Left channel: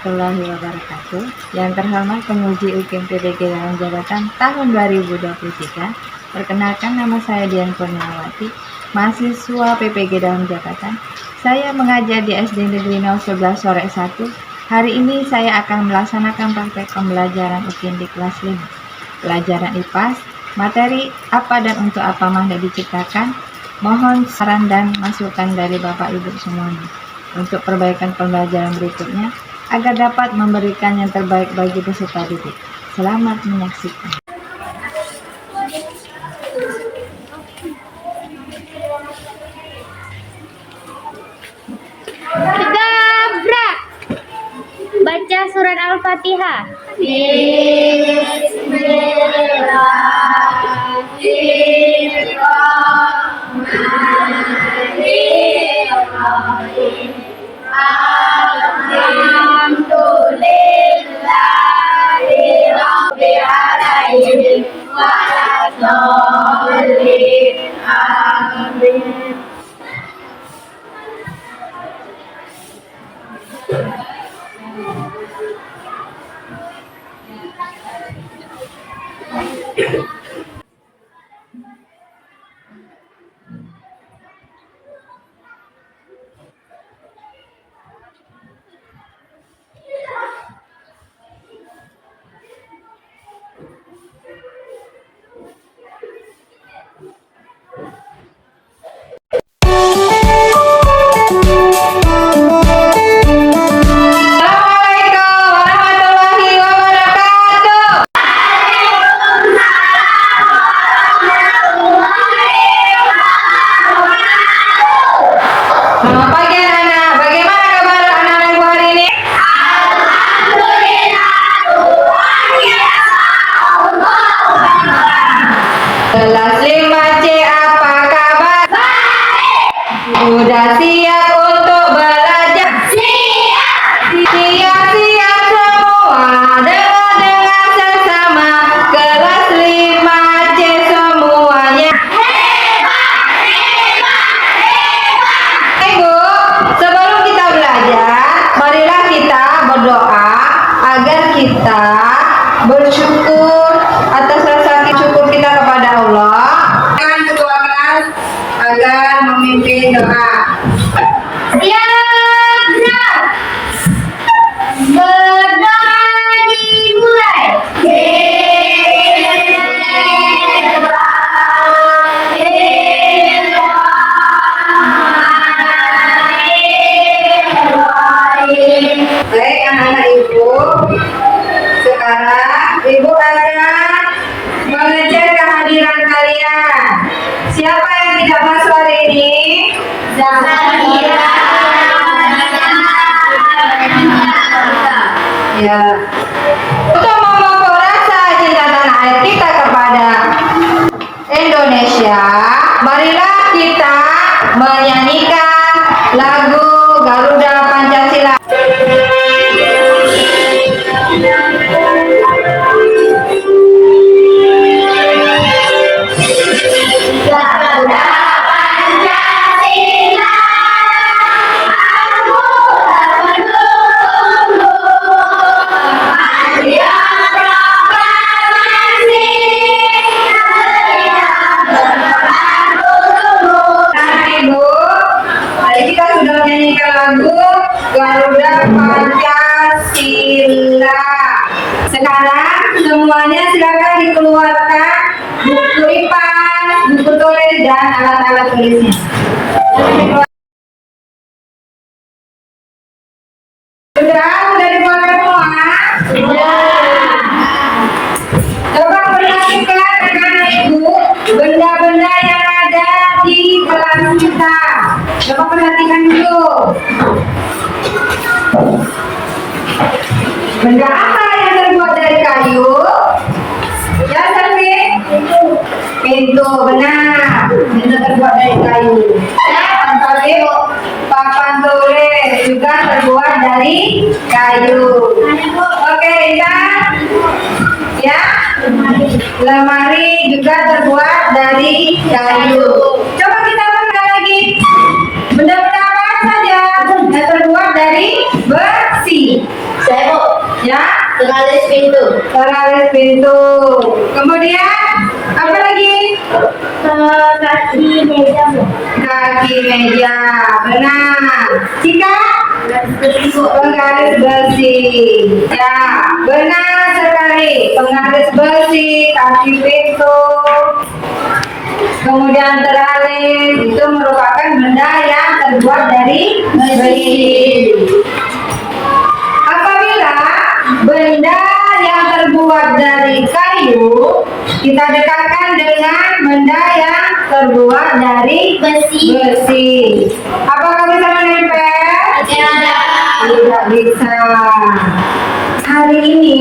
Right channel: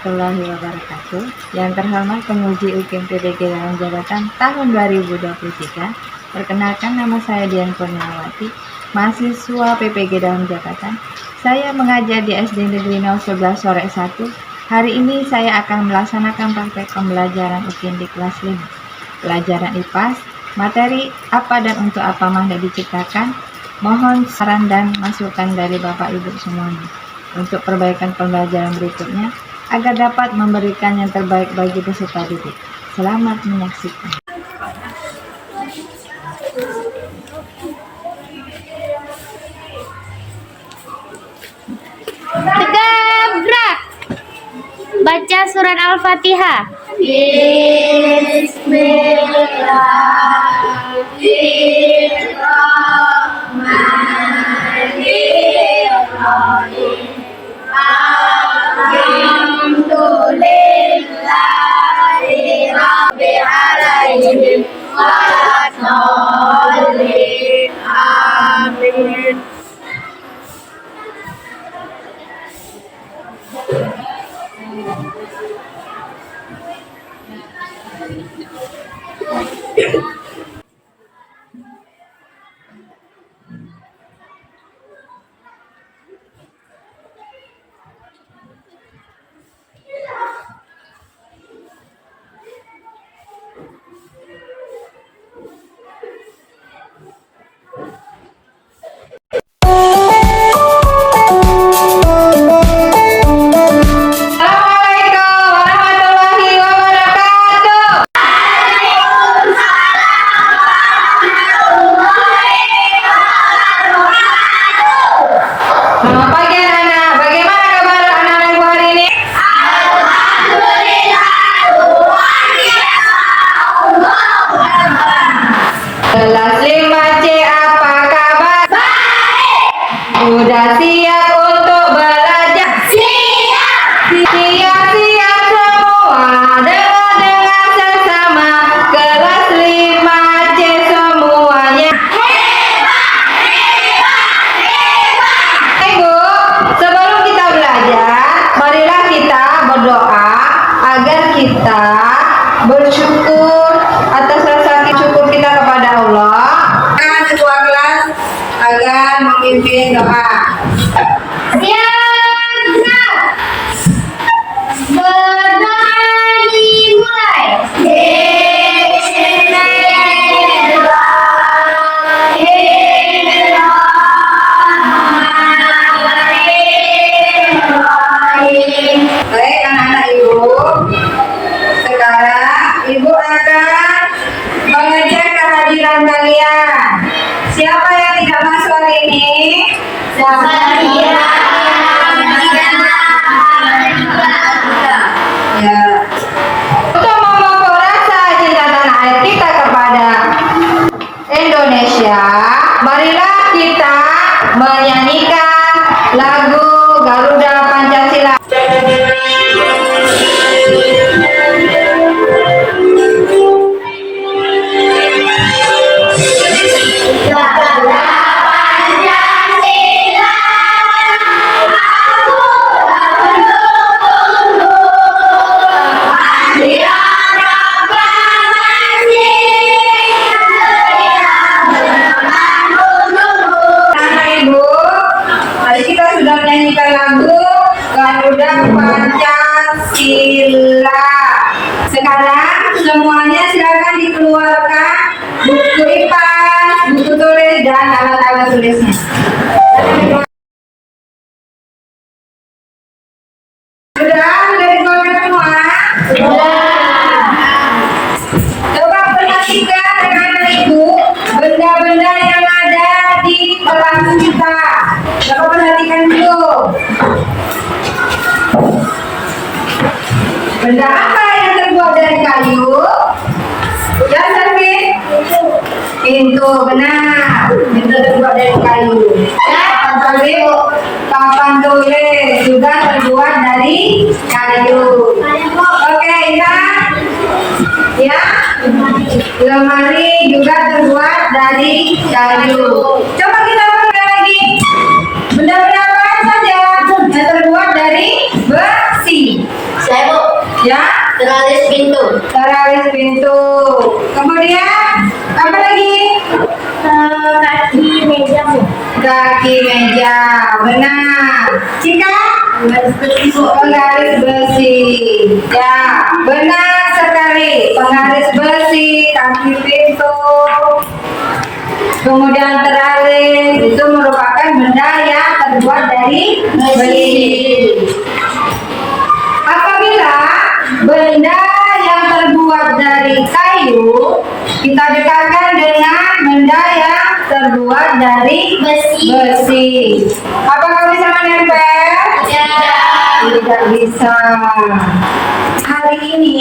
warahmatullahi wabarakatuh. Yang terhormat penguji UKM PPG dalam jabatan tahun 2023. Perkenalkan, nama saya Dian Kurniawati, mahasiswa PPG dalam jabatan. Saya mengajar di SD Negeri 011 Sore 1. Hari ini saya akan melaksanakan praktek pembelajaran UKM di kelas 5. Pelajaran IPAS, materi apa dan untuk apa Mahda diciptakan. Mohon saran dan masukan dari Bapak Ibu semuanya untuk perbaikan pembelajaran berikutnya agar dapat memberikan yang terbaik bagi peserta didik. Selamat menyaksikan. Gebrak. Baca surat Al-Fatihah. Bismillahirrahmanirrahim. Alhamdulillahi Rabbil Alamin. Wassallim. Amin. Selamat pagi anak-anak, bagaimana kabar anak-anak Ibu hari ini? Kelas 5C apa kabar? Sudah siap untuk belajar? Siap semua, dengan sesama. Kelas 5C semuanya. Ibu, sebelum kita belajar, marilah kita berdoa agar kita bersyukur atas rasa syukur kita kepada Allah. Ketua kelas akan memimpin doa. Siap. Berdoa dimulai. Baik anak-anak Ibu, sekarang Ibu akan mengecek kehadiran kalian. Siapa yang tidak masuk hari ini? Ya. Untuk memupuk rasa cinta tanah air kita kepada Indonesia, marilah kita menyanyikan lagu Garuda Pancasila. Ibu, hari kita sudah menyanyikan lagu Garuda Pancasila. Sekarang semuanya silakan dikeluarkan buku IPAS, buku tulis dan alat-alat tulisnya. Sudah dikeluarkan semua? Coba perhatikan anak-anak Ibu benda-benda yang ada di kelas kita. Coba perhatikan dulu. Benda apa yang terbuat dari kayu? Ya, Selvi? Pintu, benar. Pintu terbuat dari kayu. Papan tulis juga terbuat dari kayu. Oke, ingat? Ya? Lemari juga terbuat dari kayu. Coba kita perhatikan lagi. Benda-benda apa saja yang terbuat dari besi? Ya, Teralis pintu. teralis pintu. Kemudian apa lagi? Kaki meja. Kaki meja. Benar. Jika Garis besi. penggaris besi. Ya, benar sekali. Penggaris besi, kaki pintu. Kemudian teralis itu merupakan benda yang terbuat dari besi. Apabila benda yang terbuat dari kayu kita dekatkan dengan benda yang terbuat dari besi. Apakah bisa menempel? Tidak bisa. Hari ini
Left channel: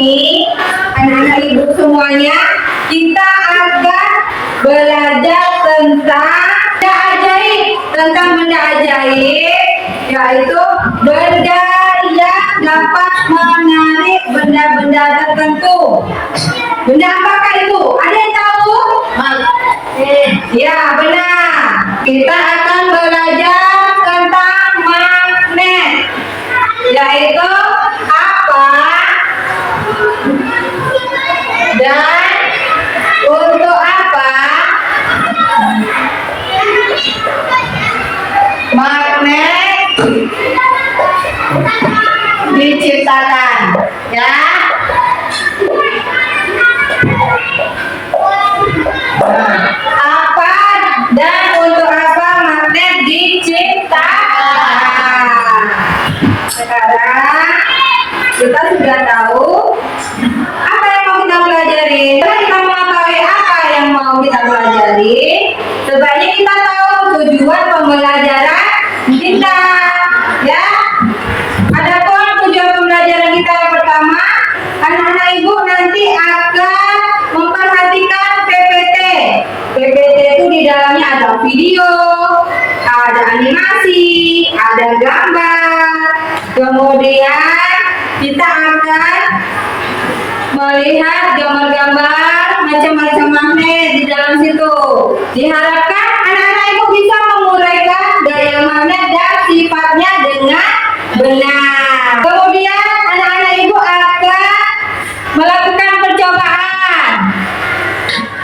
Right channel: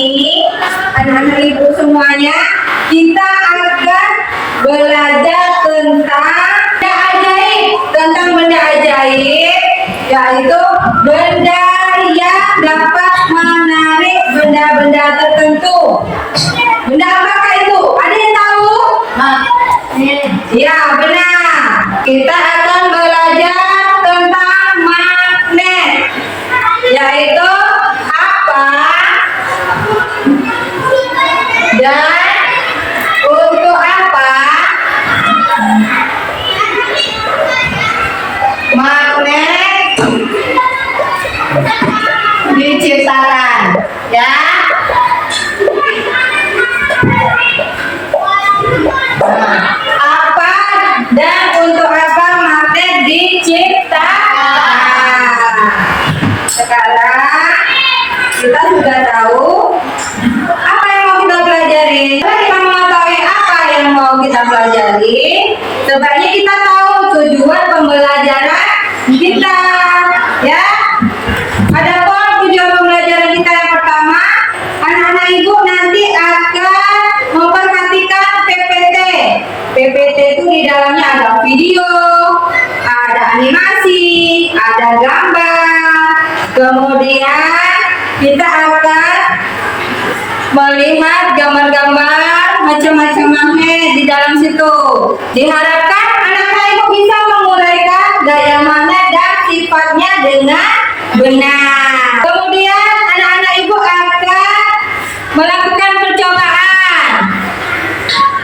anak-anak ibu semuanya kita akan belajar tentang benda ajaib, yaitu benda yang dapat menarik benda-benda tertentu. Benda apakah itu? Ada yang tahu? Ya, benar. Kita akan belajar tentang magnet, yaitu apa dan untuk apa magnet diciptakan, ya. Apa dan untuk apa magnet diciptakan? Sekarang kita sudah tahu apa yang mau kita pelajari. Setelah kita mengetahui apa yang mau kita pelajari, sebaiknya kita tahu tujuan pembelajaran kita, ya. Adapun tujuan pembelajaran kita yang pertama, anak-anak ibu nanti akan memperhatikan PPT. PPT itu di dalamnya ada video, ada animasi, ada gambar. Kemudian kita akan melihat gambar-gambar macam-macam magnet di dalam situ. Diharapkan anak-anak ibu bisa menguraikan gaya magnet dan sifatnya dengan benar. Kemudian anak-anak ibu akan melakukan percobaan.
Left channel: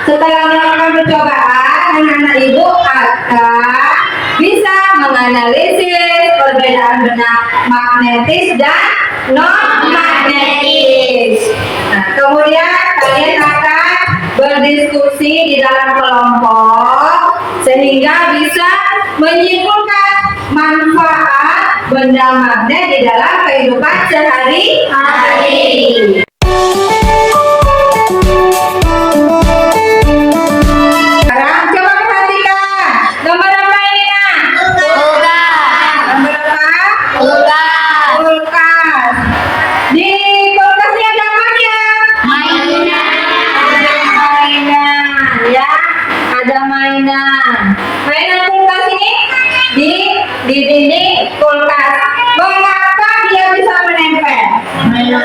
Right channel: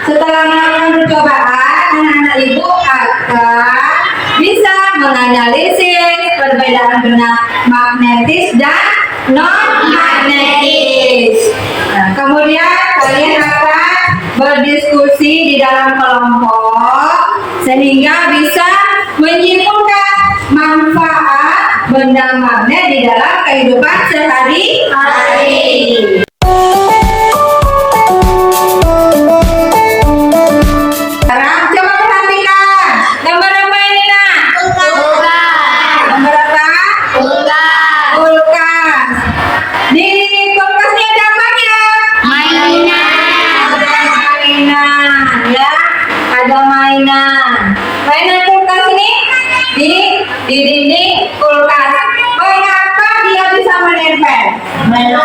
Setelah melakukan percobaan, anak-anak ibu akan bisa menganalisis perbedaan benda magnetis dan non magnetis. Nah, kemudian kalian akan berdiskusi di dalam kelompok sehingga bisa menyimpulkan manfaat benda magnet di dalam kehidupan sehari-hari. Sekarang coba perhatikan gambar apa ini, nak? Gambar apa? Kulkas. Di kulkas ini ada apa aja? Ada mainan, ya. Ada mainan. Mainan kulkas ini di dinding kulkas. Mengapa dia bisa menempel? Ada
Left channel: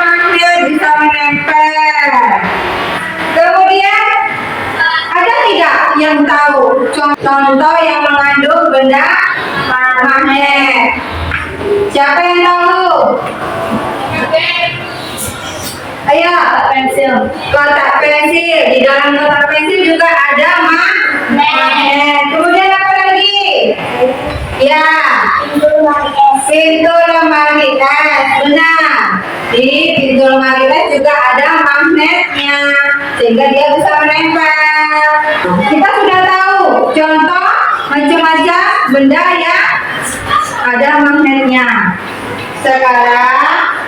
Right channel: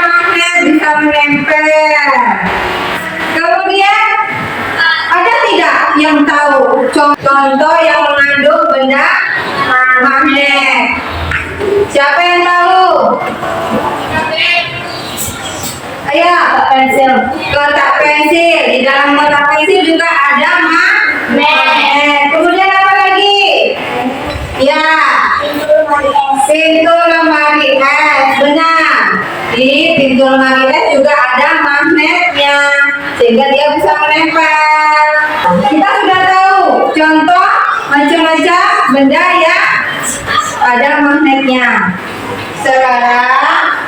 magnet bisa menempel. Kemudian ada tidak yang tahu contoh yang mengandung benda magnet? Siapa yang tahu? Ayo, kotak pensil. Kotak pensil. Di dalam kotak pensil juga ada magnet. Kemudian apa lagi? Ya, pintu lemari es. Benar. Di pintu lemari es juga ada magnetnya, sehingga dia bisa menempel. Kita sudah tahu contoh macam-macam benda yang ada magnetnya. Sekarang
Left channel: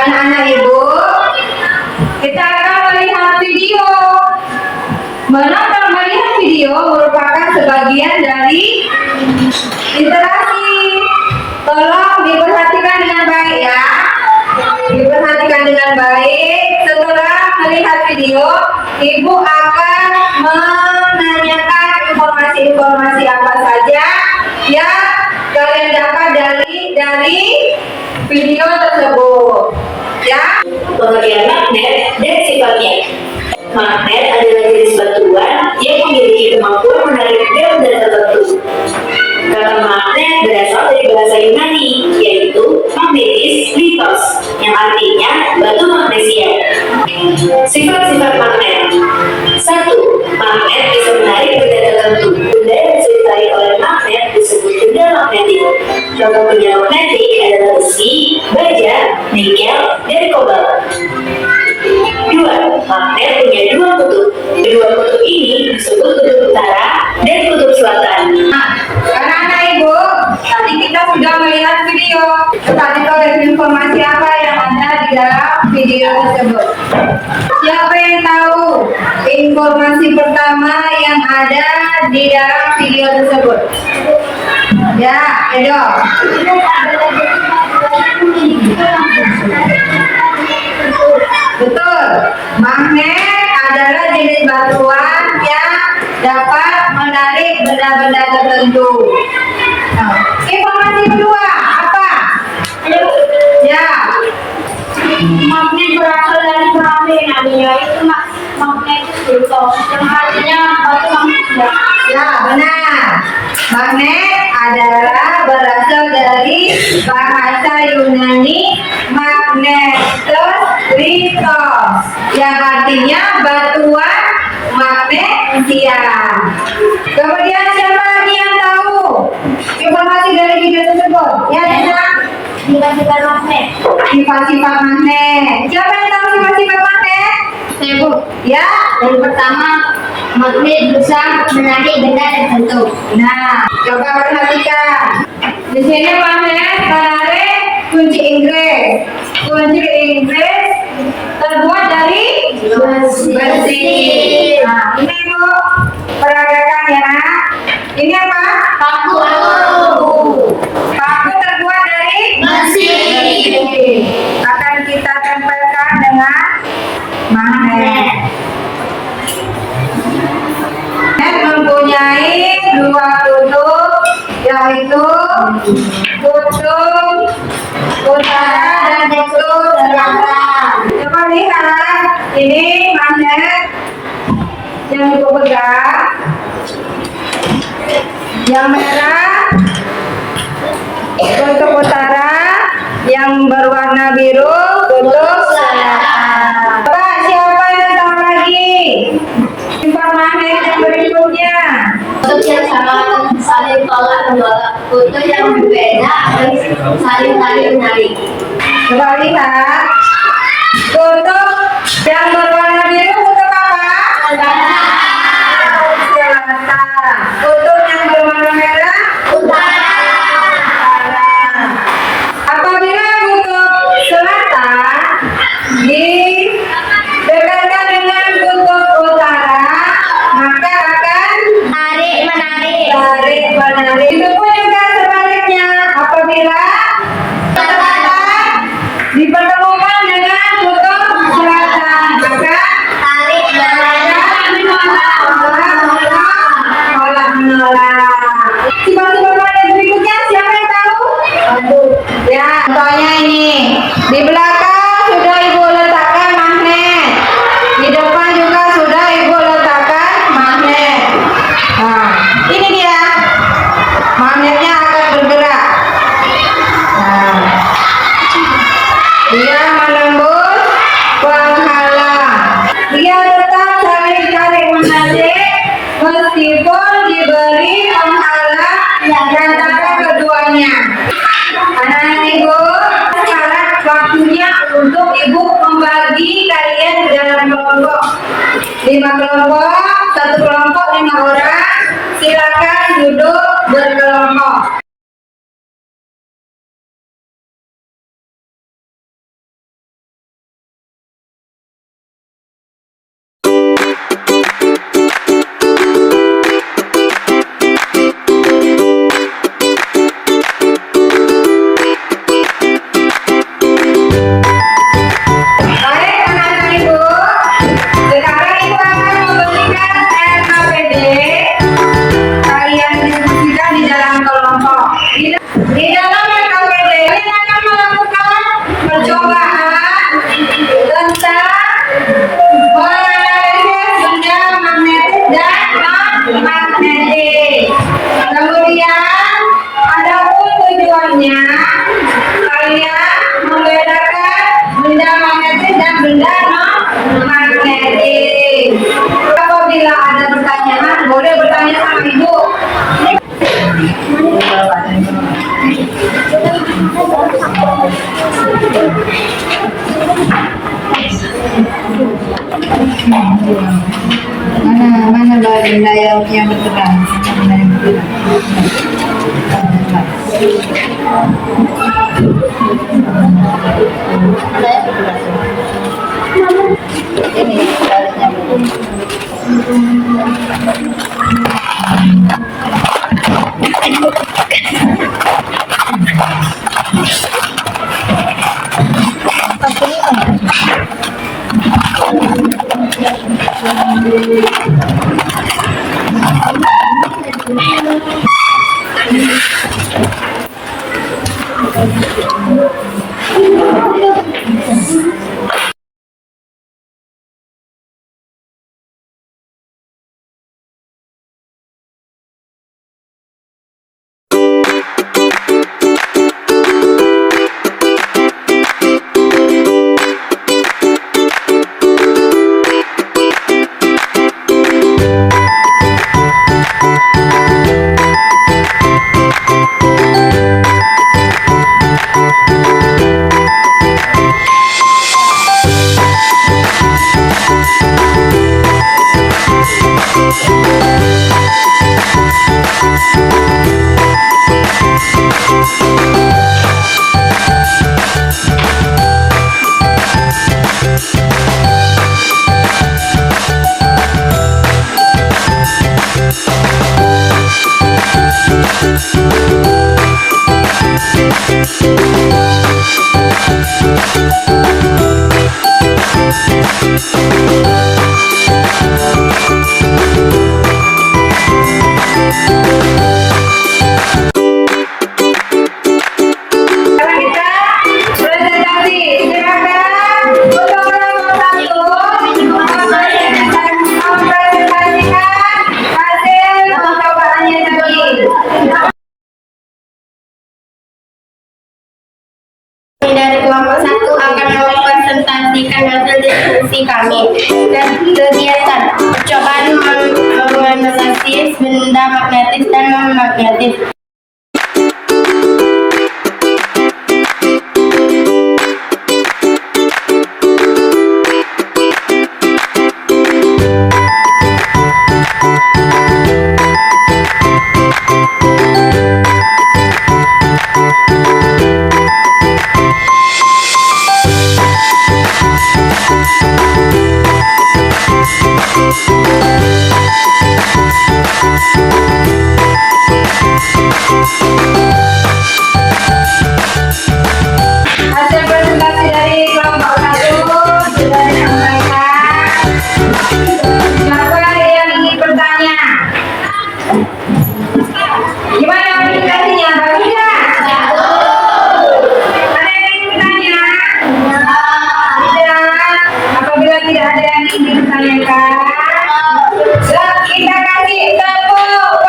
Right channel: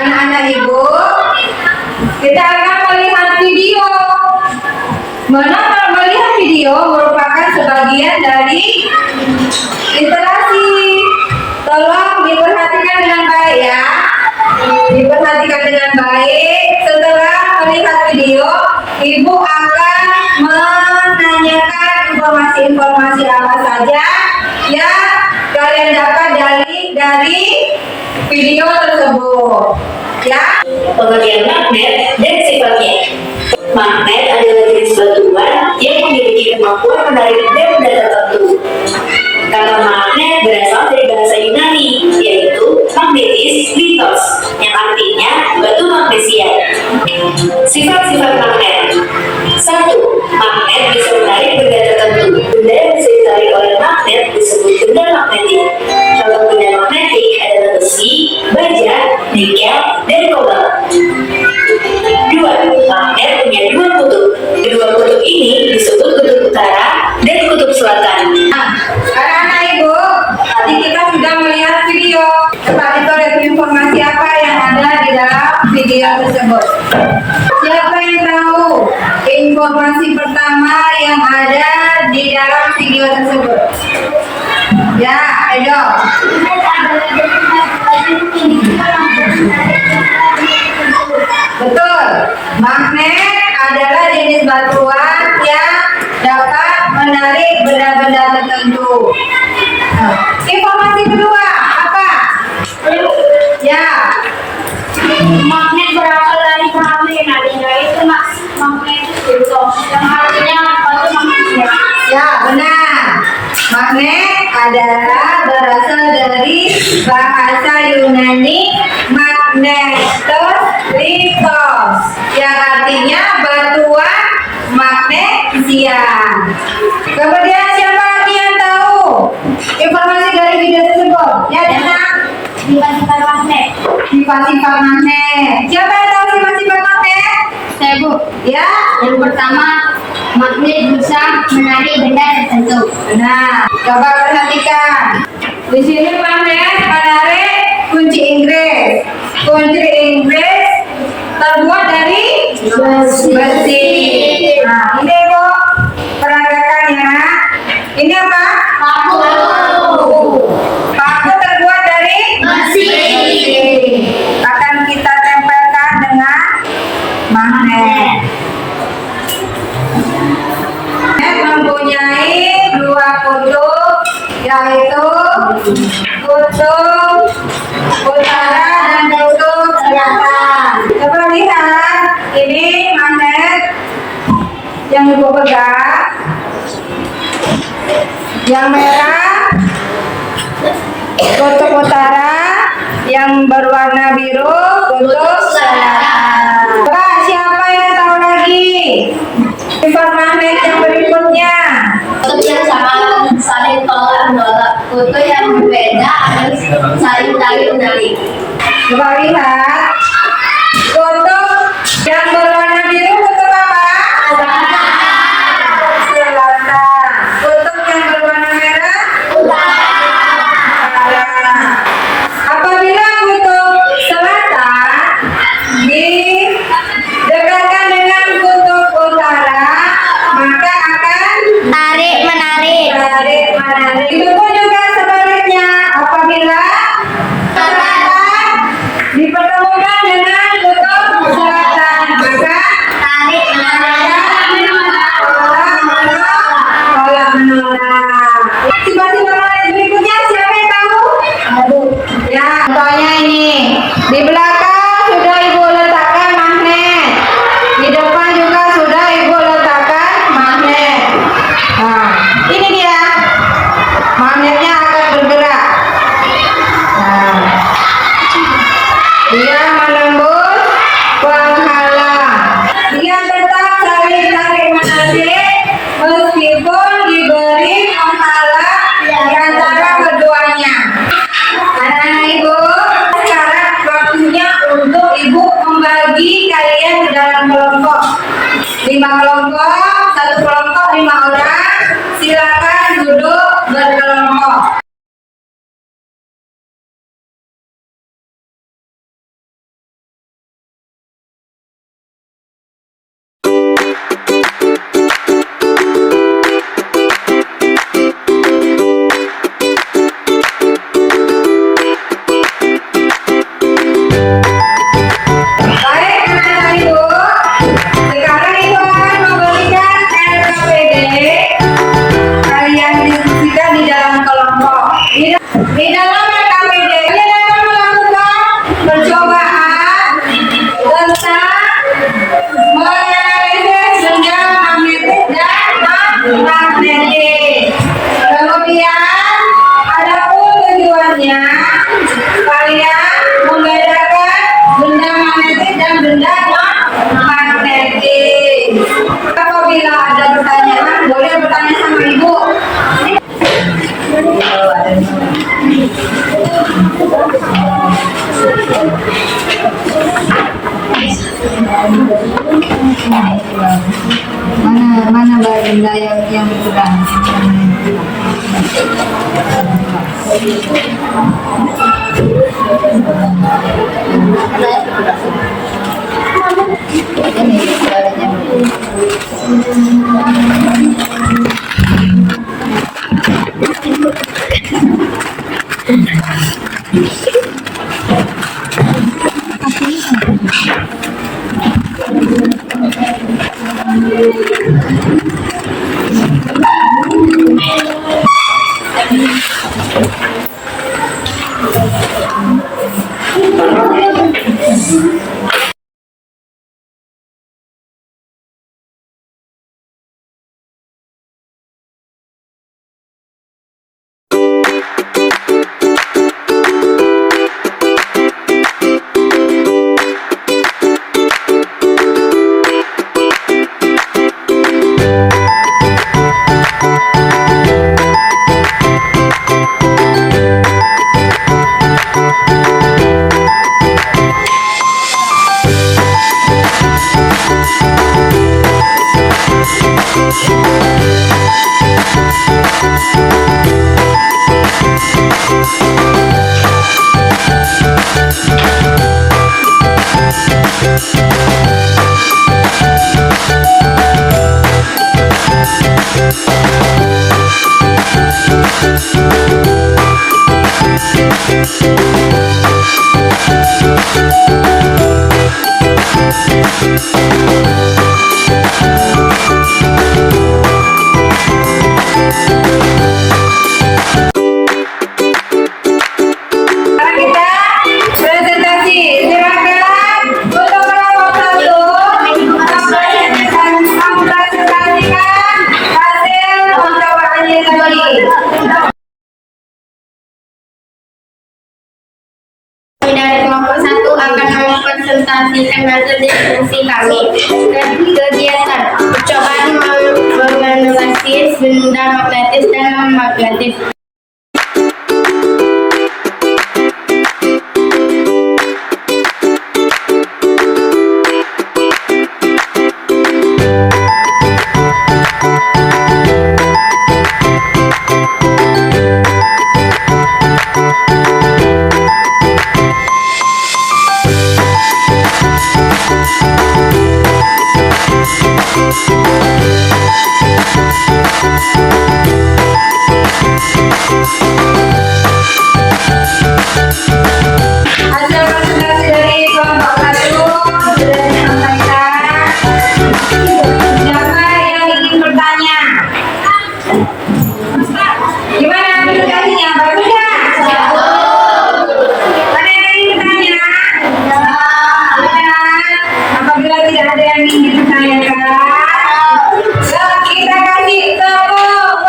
anak-anak ibu, kita akan melihat video. Melihat video merupakan sebagian dari literasi. Tolong diperhatikan dengan baik, ya. Diperhatikan dengan baik. Setelah melihat video, ibu akan menanyakan informasi-informasi apa saja yang kalian dapat dari video tersebut, ya. Pengertian magnet dan sifatnya. Magnet adalah jenis batuan yang memiliki kemampuan menarik benda tertentu. Kata magnet berasal dari bahasa Yunani, yaitu kobalt. 2. Magnet punya dua kutub. Kedua kutub ini disebut kutub utara dan kutub selatan. Anak-anak ibu, tadi kita sudah melihat video. Coba kita lihat informasi apa yang ada di dalam video tersebut. Siapa yang tahu informasi pertama yang ada di dalam video tersebut? Ya, ayo. Betul. Magnet adalah jenis batuan yang dapat menarik benda-benda tertentu. Nah, informasi kedua apa? Ya. Magnet berasal dari magnet, namanya itu magnetis, yang artinya batu magnetnya. Ya, benar. Magnet adalah berasal dari bahasa Yunani magnetos litos, yang artinya batuan magnesia. Kemudian siapa lagi yang tahu informasi dari video tersebut? Ya, Dana. Sifat-sifat magnet. Sifat-sifat magnet. Siapa yang tahu sifat-sifat magnet? Saya Bu. Ya. Yang pertama, magnet bisa menarik benda tertentu. Nah, coba perhatikan. Di sini magnet menarik kunci Inggris. Kunci Inggris terbuat dari besi. Nah, ini Bu, peragakan ya. Ini apa? Paku. Paku terbuat dari Besi. Akan kita tempelkan dengan magnet. Magnet mempunyai dua kutub, yaitu kutub utara dan kutub selatan. Coba lihat, ini magnet yang ibu pegang. Yang merah kutub utara, yang berwarna biru kutub selatan. Coba siapa yang tahu lagi sifat magnet yang berikutnya? Kutub yang sama saling tolak menolak. Kutub yang berbeda akan saling tarik menarik. Coba lihat, kutub yang berwarna biru kutub apa? Selatan. Kutub yang berwarna merah utara. Apabila kutub selatan didekatkan dengan kutub utara, maka akan Tarik menarik. tarik menarik. Itu pun juga sebaliknya, apabila selatan dipertemukan dengan kutub selatan, maka Tarik menarik. tolak menolak. Sifat-sifat magnet berikutnya siapa yang tahu? Ya, contohnya ini. Di belakang sudah ibu letakkan magnet. Di depan juga sudah ibu letakkan magnet. Nah, ini dia. Magnetnya akan bergerak. Nah, dia menembus penghalang. Dia tetap saling tarik menarik meskipun diberi penghalang di antara keduanya. Anak-anak ibu, sekarang waktunya untuk ibu membagi kalian ke dalam kelompok. 5 kelompok, 1 kelompok 5 orang. Silakan duduk berkelompok. Baik anak-anak ibu, sekarang ibu akan memberikan LKPD. Kalian diskusikan di dalam kelompok. Di dalam LKPD kalian akan melakukan percobaan tentang menganalisis benda magnetis dan non-magnetis. Kemudian, adapun tujuannya, kalian membedakan benda magnetis dan benda non-magnetis. Apabila ada pertanyaan, boleh bertanya sama ibu. Kalau ada yang mau. bagi yang bergerak. Mana yang bergerak? Mana yang bergerak? Ini baliknya bergerak. Dari kelompok 1 akan mempresentasikan hasil diskusi kami. Kegiatan percobaan menganalisis benda magnetis dan non-magnetis. Hasil presentasi dari kelompok 1 sudah disampaikan. Siapa yang ingin bertanya? Gimana presentasinya? Bagus ya? Mana yang ingin bertanya? Tidak. Apabila tidak ada yang ingin ditanyakan, kita kasih tepuk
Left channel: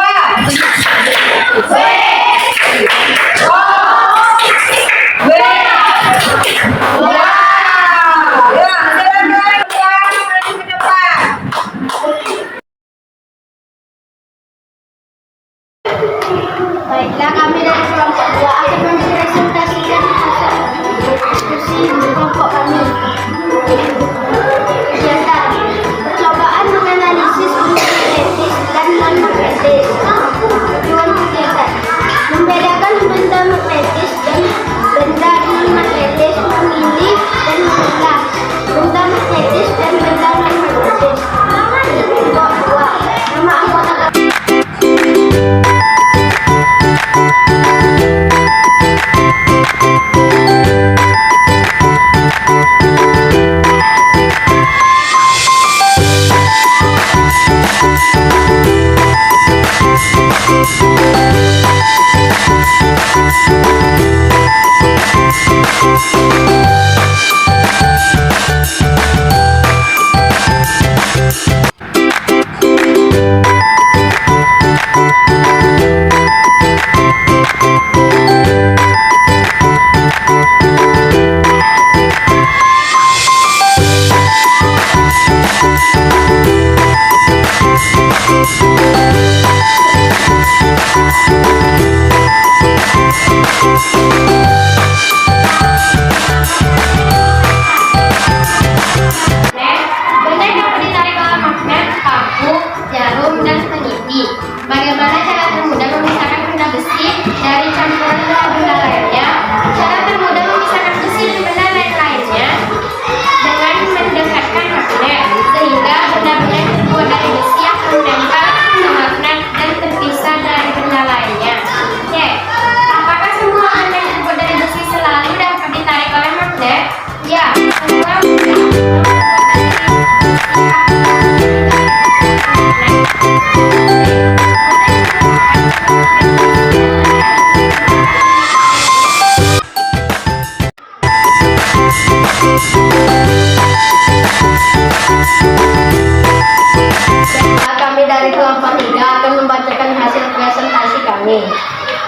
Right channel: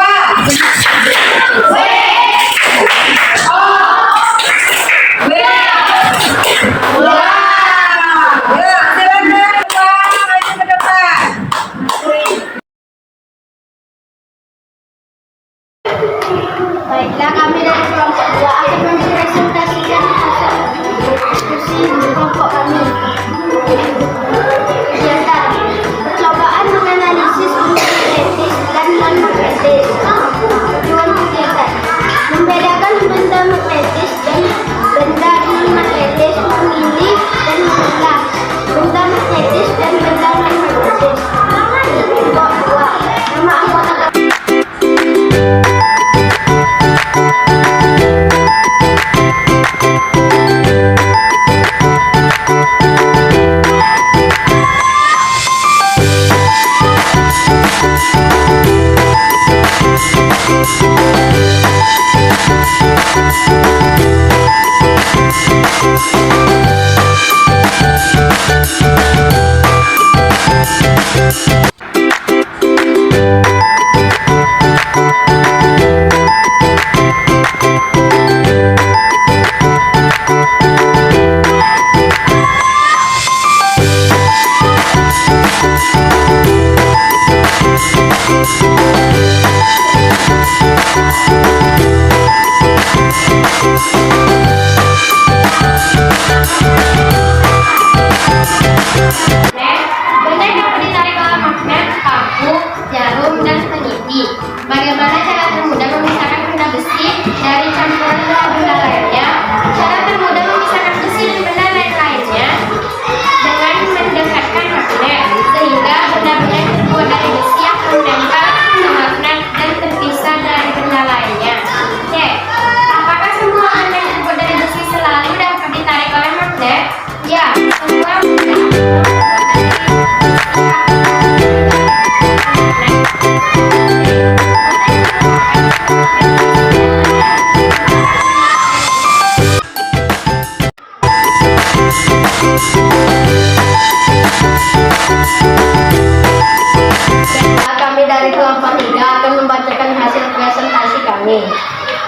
Baiklah, kami dari kelompok 2 akan mempresentasikan hasil diskusi kelompok kami. Kegiatan percobaan menganalisis benda magnetis dan non-magnetis. Tujuan kegiatan membedakan benda magnetis dan benda non-magnetis, memilih dan memilah benda magnetis dan benda non-magnetis. Kelompok 2, nama anggota benda yang ditarik oleh magnet, paku, jarum, dan peniti Kami dari kelompok 3 akan membacakan hasil presentasi kami.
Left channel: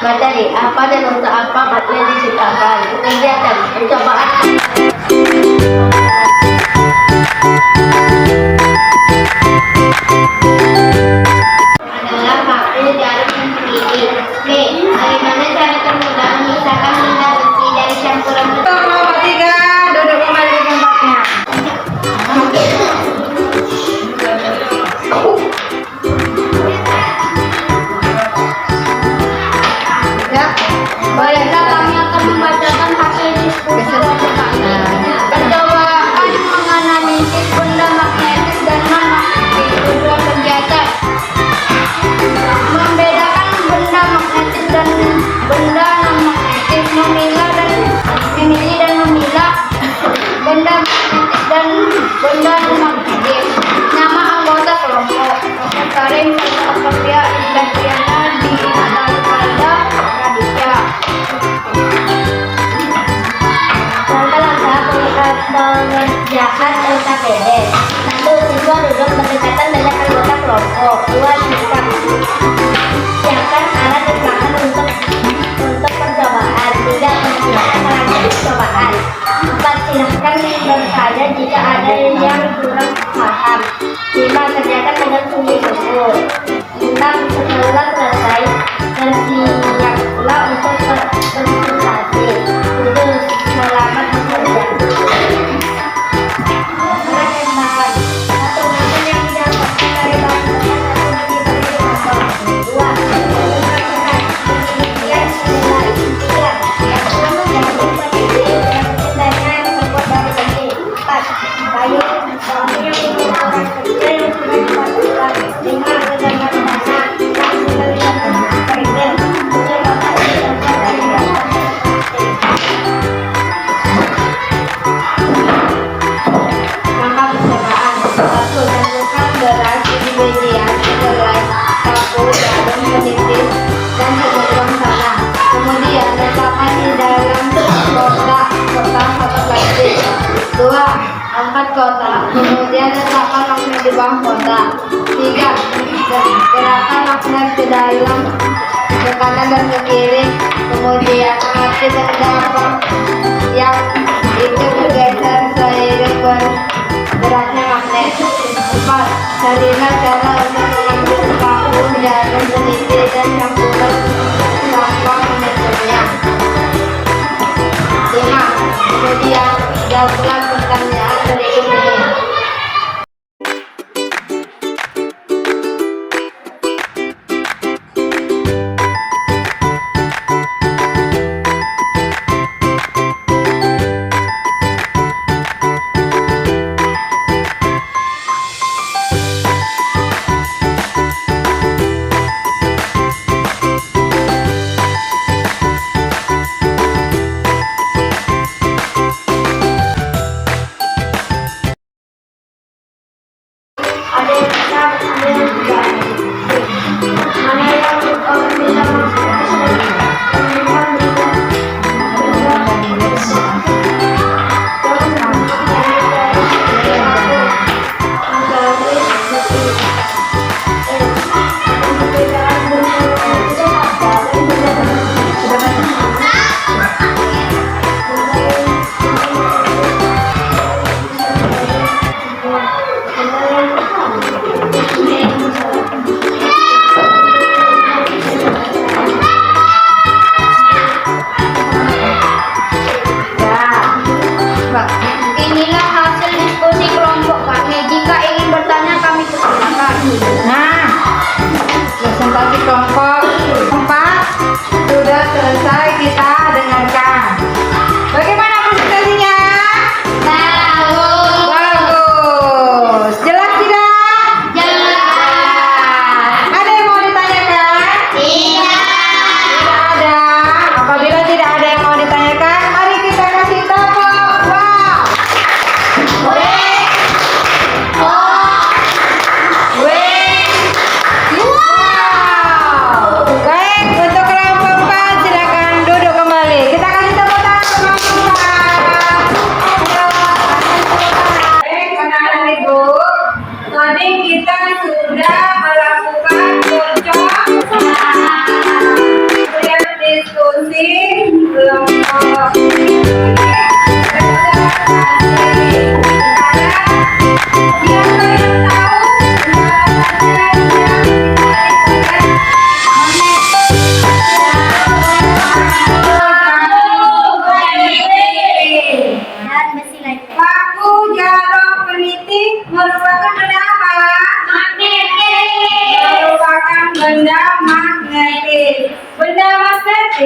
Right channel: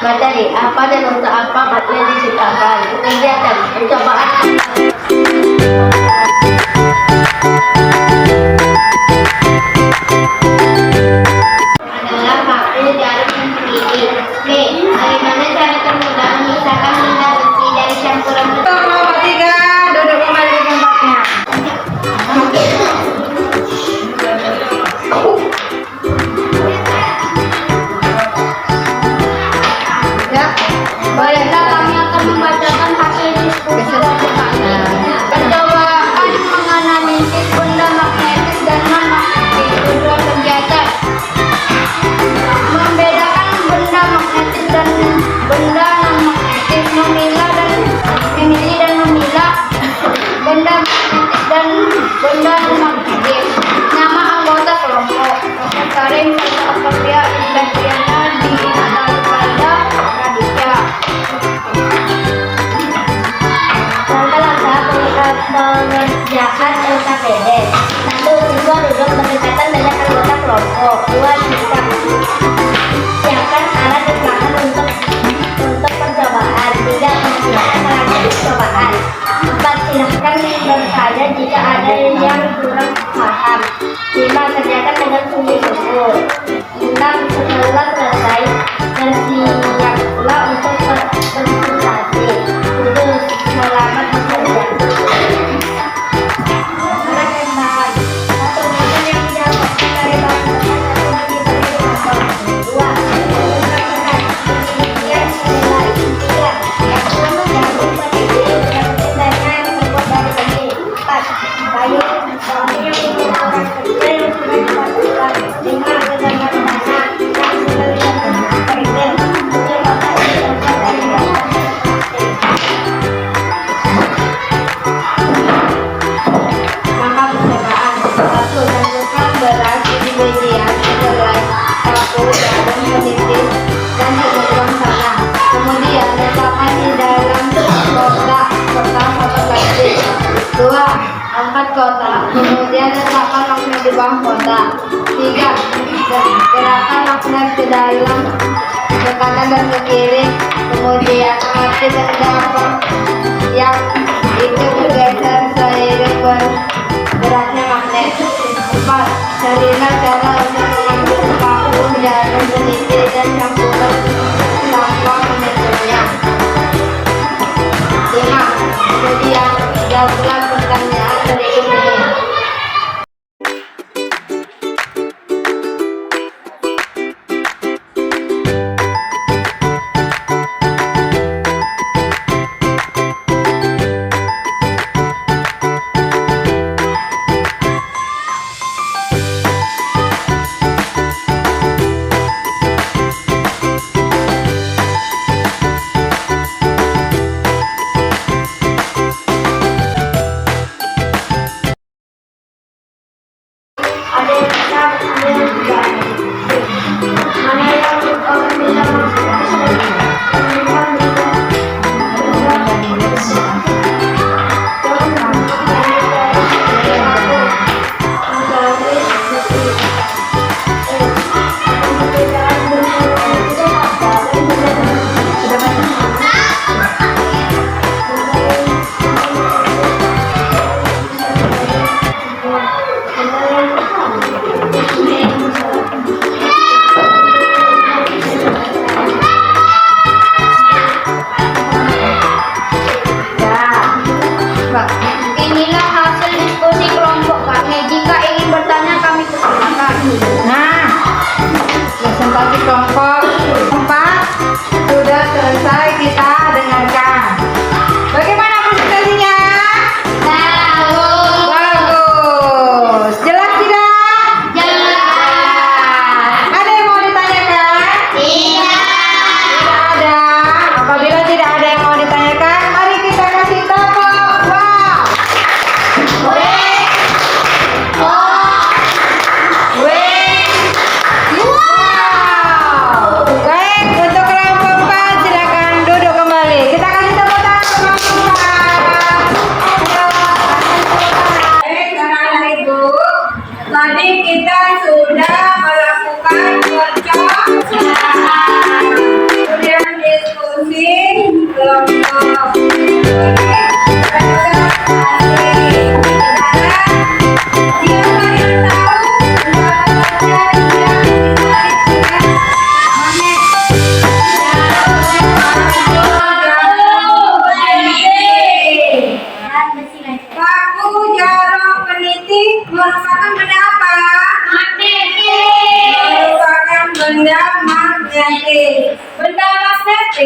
Materi apa dan untuk apa materi diciptakan. Kegiatan percobaan adalah baku jarum dan kelili. B. Bagaimana cara termudah memisahkan benda besi dari campuran Kelompok 3 duduk kembali di tempatnya. Ya, Baiklah, kami akan membacakan hasil diskusi percobaan. Percobaan menganalisis benda magnetis dan non-magnetis. Tujuan kegiatan membedakan benda magnetis dan benda non-magnetis, memilah dan memilih dan memilah benda magnetis dan benda non-magnetis. Nama anggota kelompok: Dr. Karim, Dr. Sofia, Indriana, Dinatali Pada, Raditya. Langkah-langkah mengerjakan LKPD. 1. Siswa duduk berdekatan dengan anggota kelompok. 2. Sikap. Siapkan alat dan bahan untuk percobaan. 3. Persiapkan alat percobaan. 4. Silahkan bertanya jika ada yang kurang paham. 5. Kerjakan dengan sungguh-sungguh. 6. Setelah selesai, bersiaplah untuk presentasi. 7. Selamat bekerja. Alat dan bahan. 1. Bahan yang didapatkan dari bahan satu bagi bagi kelompok. 2. Penelitian nilai. 3. Jarum peneliti mendapatkan dana yang terbuat dari besi. 4. Kayu yang menggunakan kerja yang sudah dipasangkan. 5. Gegangan tanah yang sudah dilakukan kerja. 7. Kotak yang terbuat dari bahan plastik. Langkah percobaan. 1. Tentukan beras di bagian kedelai, sapu, jarum penipis, dan segelang tanah. Kemudian letakkan di dalam kotak kertas atau plastik. 2. Angkat kotak, kemudian letakkan magnet di bawah kotak. 3. Gerakkan magnet ke dalam, ke kanan dan ke kiri. Kemudian amati benda apa yang itu bergeser seiring bergeraknya magnet. 4. Carilah cara untuk mengambil paku, jarum peniti, dan campuran tanpa menyentuhnya. 5. Kemudian jawablah pertanyaan berikut ini.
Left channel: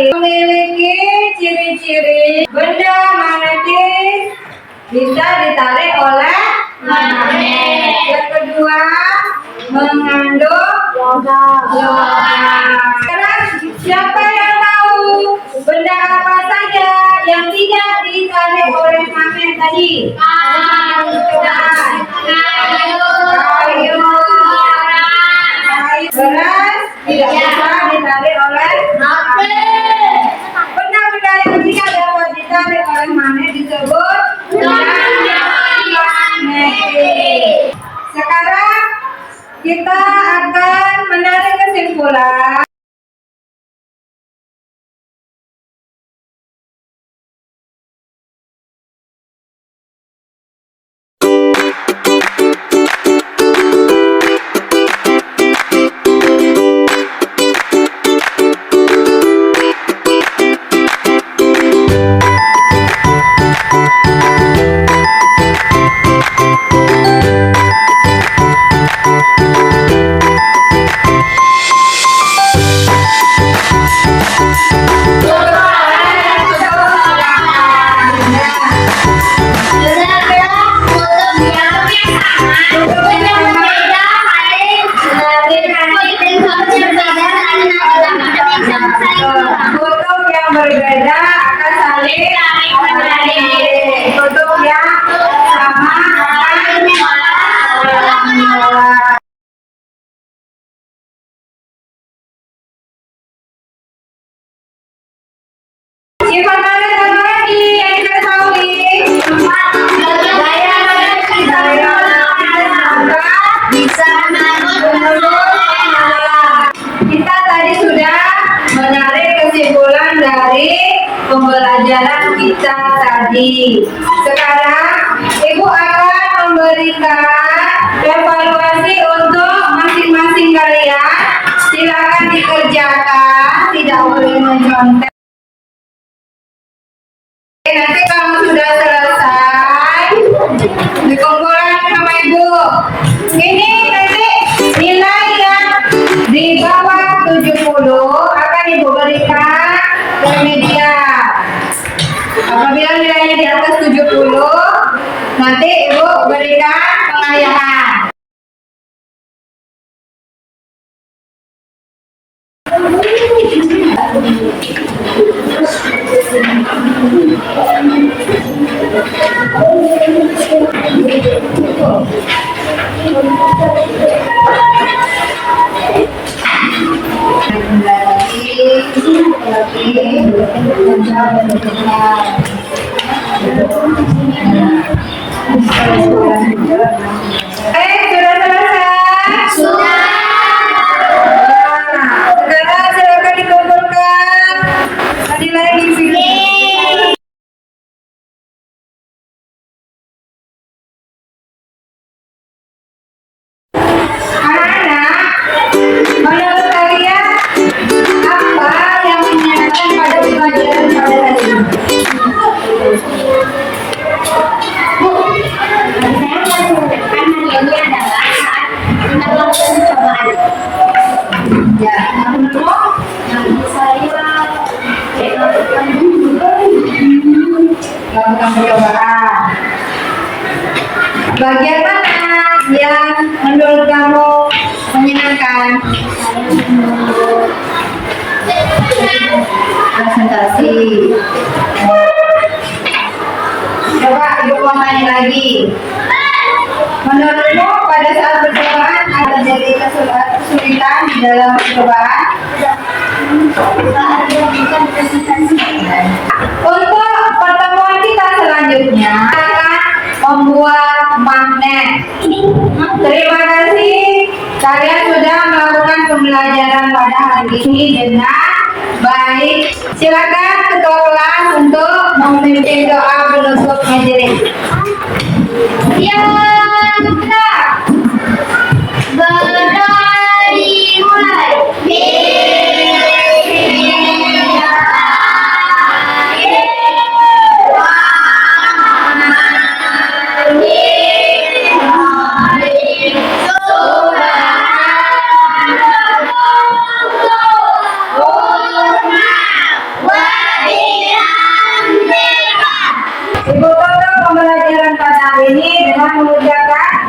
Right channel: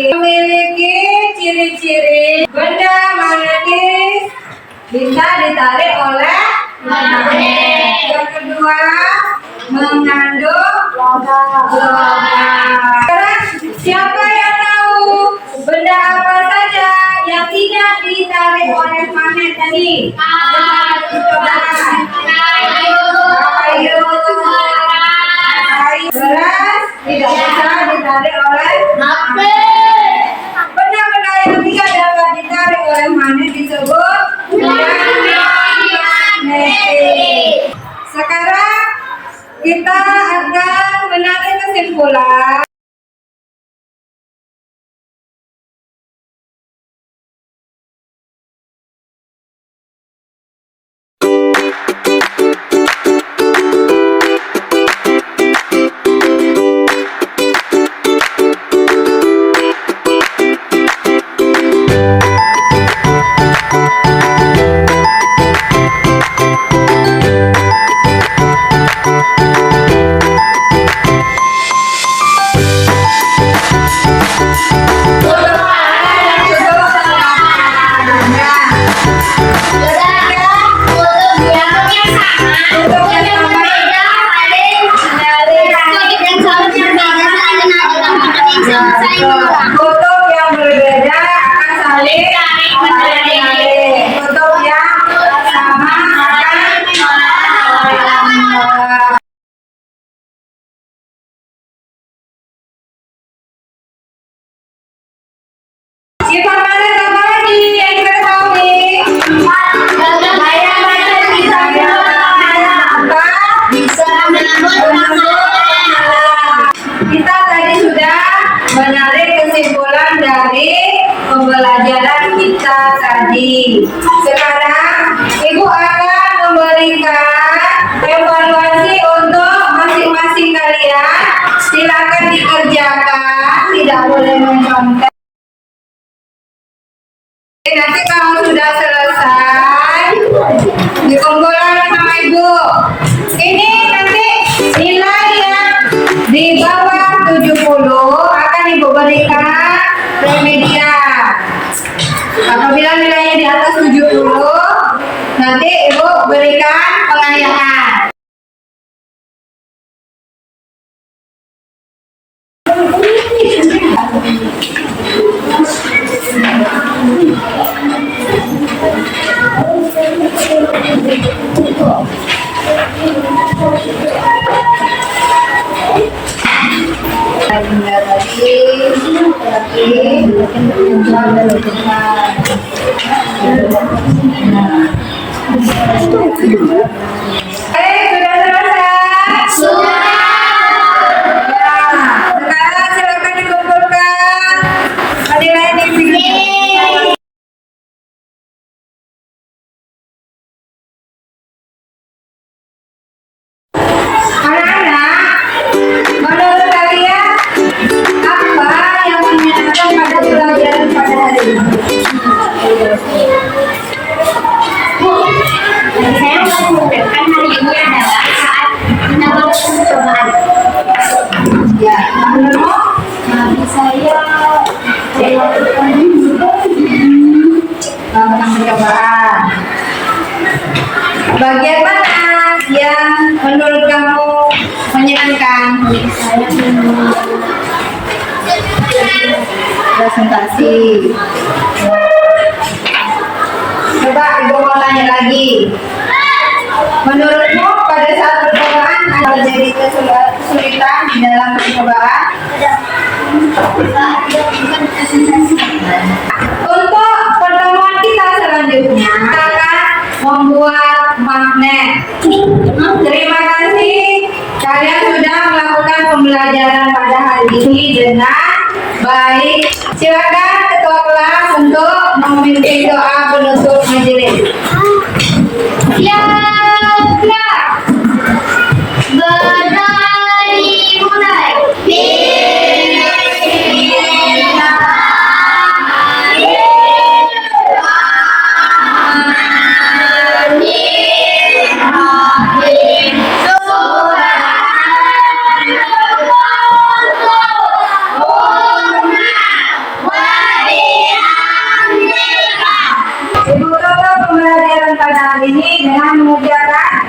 Memiliki ciri-ciri benda magnetis bisa ditarik oleh magnet. Yang kedua, mengandung logam. Sekarang siapa yang tahu benda apa saja yang tidak ditarik oleh magnet tadi? Kayu, beras tidak bisa ditarik oleh magnet. Benda-benda yang tidak dapat ditarik oleh magnet disebut magnetik. Sekarang kita akan menarik kesimpulan. Kutub yang berbeda akan saling menarik. Kutub yang sama akan menolak. Sifat magnet apa lagi yang kita ketahui? Daya magnet bisa menolak. Kita tadi sudah menarik kesimpulan dari pembelajaran kita tadi. Sekarang Ibu akan memberikan evaluasi untuk masing-masing kalian. Silakan dikerjakan, tidak boleh mencontek. Nanti kamu sudah selesai, dikumpulkan sama Ibu. Ini nanti nilai yang di bawah 70 akan Ibu berikan remedia. Apabila nilainya di atas 70, nanti Ibu berikan pengayahan. Sudah selesai? Sudah. Sekarang silakan dikumpulkan nilai di sini. Anak-anak, menurut kalian apa yang menyenangkan pada pelajaran pada hari ini? Bagi saya yang paling menyenangkan hari ini adalah saat kita melakukan percobaan. Ya, menurutmu? Bagi saya Melakukan percobaan. Bagian mana yang menurut kamu menyenangkan? saya menurut Presentasi. Coba Ibu mau tanya lagi. Menurutmu pada saat percobaan ada jadi kesulitan di dalam percobaan? saat dilakukan presentasi. Untuk pertemuan kita selanjutnya akan membuat magnet. Terima kasih kalian sudah melakukan pembelajaran pada hari ini dengan baik. Silakan ketua kelas untuk memimpin doa penutup majelis. Siap, gerak. Berdiri mulai. ini dengan mengerjakan